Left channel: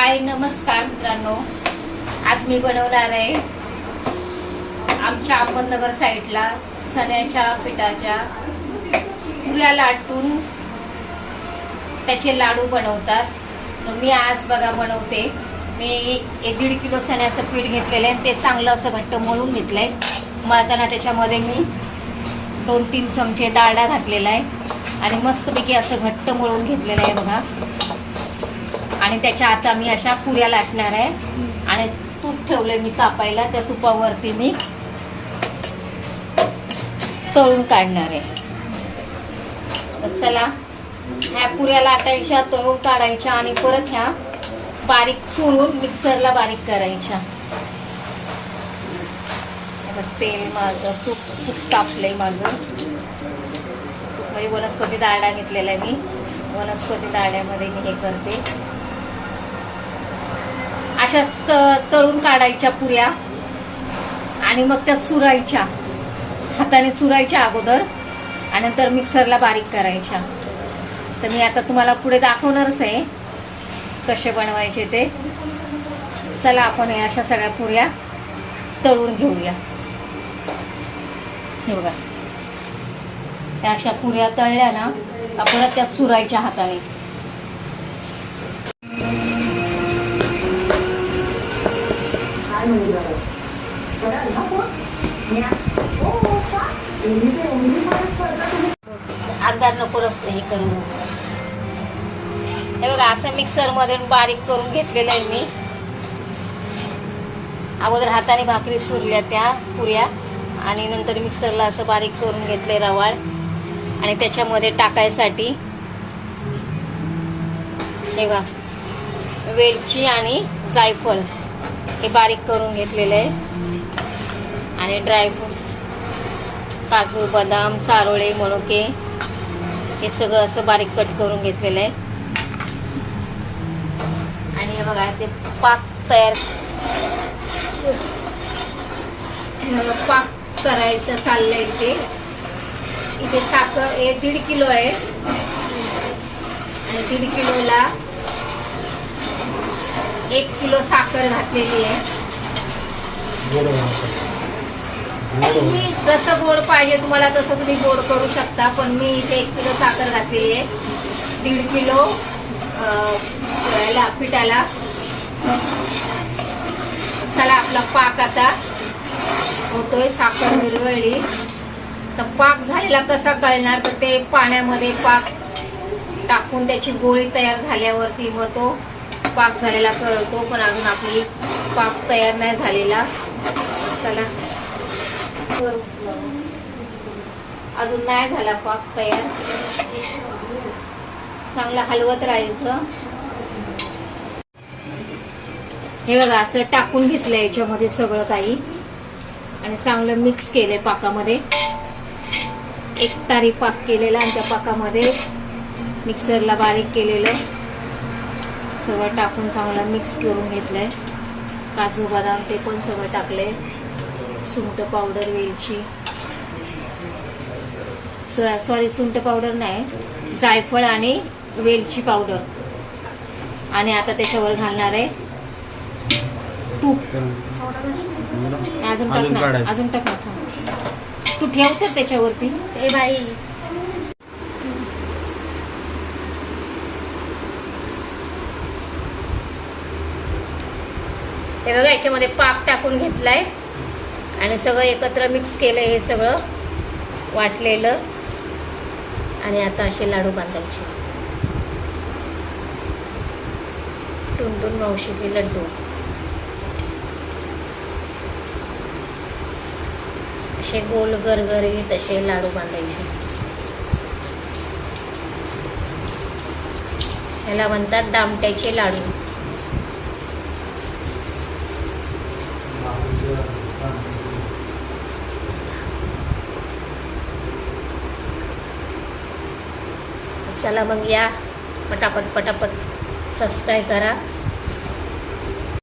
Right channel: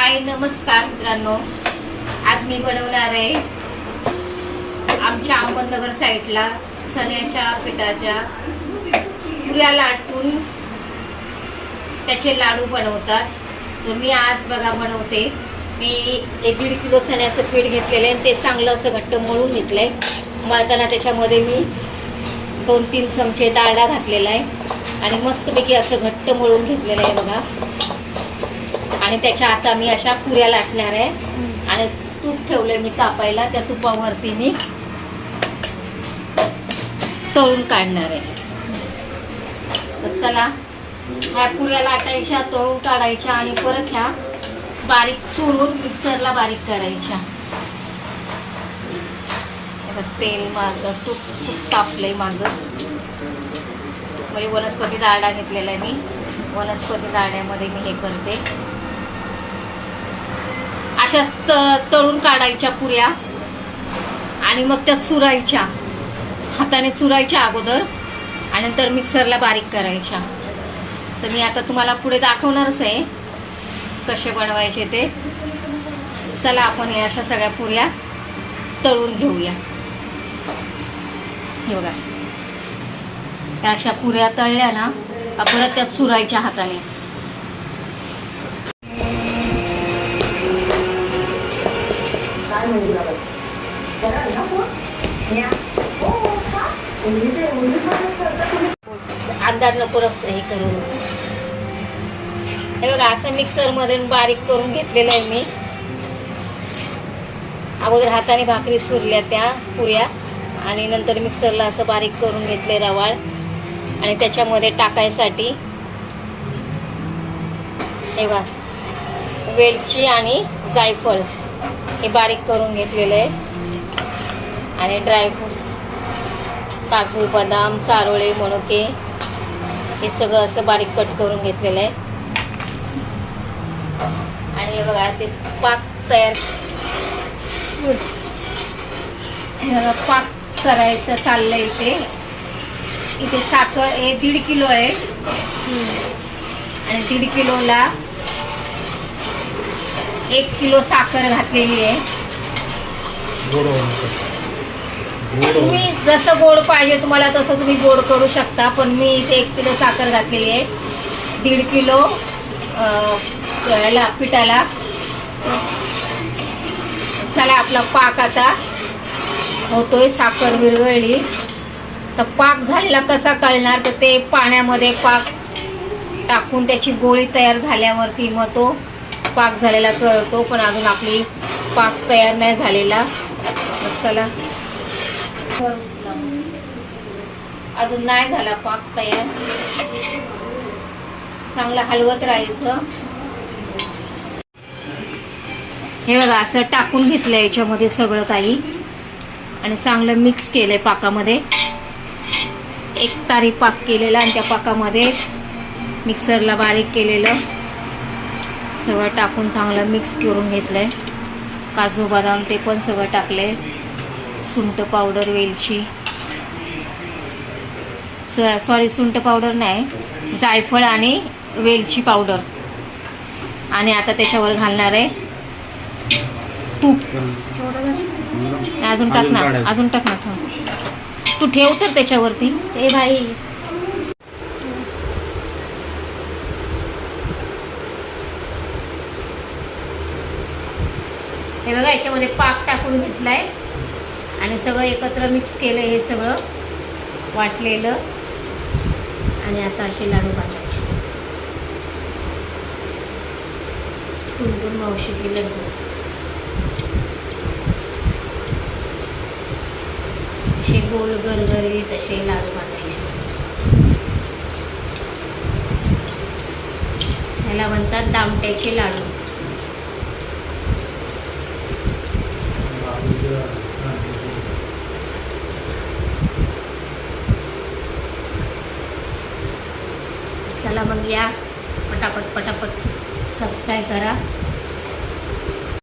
हाय नमस्कार मित्रांनो. आज मी बनवणार आहे आमच्या अहमदनगर साईडला चण्याच्या पिठाच्या पुऱ्या लाटून त्याचे लाडू बनवतात. तर मी आज बघा बनवते. मी एक दीड किलो चण्याचं पीठ घेतलेलं आहे आणि ते चांगलं असं घट्ट मळून घेतलंय. मळताना त्याच्यामध्ये मी दोन तीन चमचे डाळडा घातलेला आहे. आणि मस्तपैकी असं घट्ट मळून घेतलेलं आहे बघा. आणि त्याच्या आता मी अशा पुऱ्या लाटणार आहे. आणि तूप ठेवलंय मी तापायला त्या तुपावरती मी तळून काढणार आहे. चला ह्या पुऱ्या लाटायच्या तळून काढायच्या आणि परत ह्या बारीक चुरून मिक्सरला बारीक करायच्या. तेल माझं तूप तूप तापलंय माझं. म्हणजे वनस्पती डाळडा घेतलेला आहे मी. वनस्पती डाळड्यामध्ये मी हे करते. अशा त- तळून काढायच्या पुऱ्या आणि मग त्या चुरायच्या. हाताने चुरायच्या अगोदर आणि नंतर मिक्सरला बारीक करायच्या. तर मी आता तुम्हाला पुढे दाखवणारच आहे कसे बनवायचे ते. चला आपण या अशा सगळ्या पुऱ्या तळून घेऊया. हे बघा. त्या अशा पुऱ्या तळल्या ना परत त्यात चुरायच्या हाताने. काय ना हो, का? एवढी ते एवढी मदत करता तुम्ही? हे करून हे बघा असं मिक्सरमध्ये बारीक करून घेतलेलं आहे मी अगोदर हाताने भाकरी सुरल्या त्या पुऱ्या आणि नंतर मिक्सरला असं बारीक करून घेतले रवाळ आणि त्याच्यामध्ये टाकायसाठी हे बघा वेलची आणि जायफळ हे बारीक करून घेतलेलं आहे आणि ड्रायफ्रुट्स काजू बदाम चारोळे मनुके हे सगळं असं बारीक कट करून घेतलेलं आहे आणि हे बघा ते पाक तयार पाक करायचं चाललंय इथे इथे साखर हे दीड किलो आहे. आणि दीड किलोला एक किलो साखर घातलेली आहे. तुम्ही जसं गोड पाहिजे तुम्हाला तसं तुम्ही गोड करू शकता पण मी इथे एक किलो साखर घातलेली आहे. दीड किलो पिठाला. चला आपला पाक आता होतोय साखर विरघळली. तर पाक झालेला कसा कळणार? तर ते पाण्यामध्ये पाक टाकून त्याची गोळी तयार झाल्यावरती मग तो पाक झालेला कळतो पण अजून आपली पाक तयार नाही झालेला. चला. अजून नाही झाला पाक तयार. चांगला हलवत राहायचं. हे बघा असं टाकून घेतलं याच्यामध्ये सगळं काही. आणि चांगलं मिक्स केलंय पाकामध्ये. एक तारी पाक केलेला आणि त्या पाकामध्ये मिक्सरला बारीक केलेलं. सगळं टाकून चांगलं मिक्स करून घेतलंय. काजू बदाम ते पण सगळं टाकले सुंठ पावडर वेलची. सॉरी सुंठ पावडर नाही. जायफळ आणि वेलची पावडर आणि आता त्याच्यावर घालणार आहे तूप. नाही, अजून टाक ना काढायचं. अजून टाक ना थांब. तू ठेव तर त्याच्यावरती. ए बाई हे बघा याच्यामध्ये पाक टाकून घेतलाय. आणि सगळं एकत्र मिक्स केलं हे सगळं. वाटलेलं. आणि आता असे लाडू बांधायचे. टुनटुन मावशी की लड्डू. असे गोल गरगरीत असे लाडू बांधायचे. ह्याला म्हणतात दामट्याचे लाडू. चला मग या. पटापट पटापट. सबस्क्राईब करा.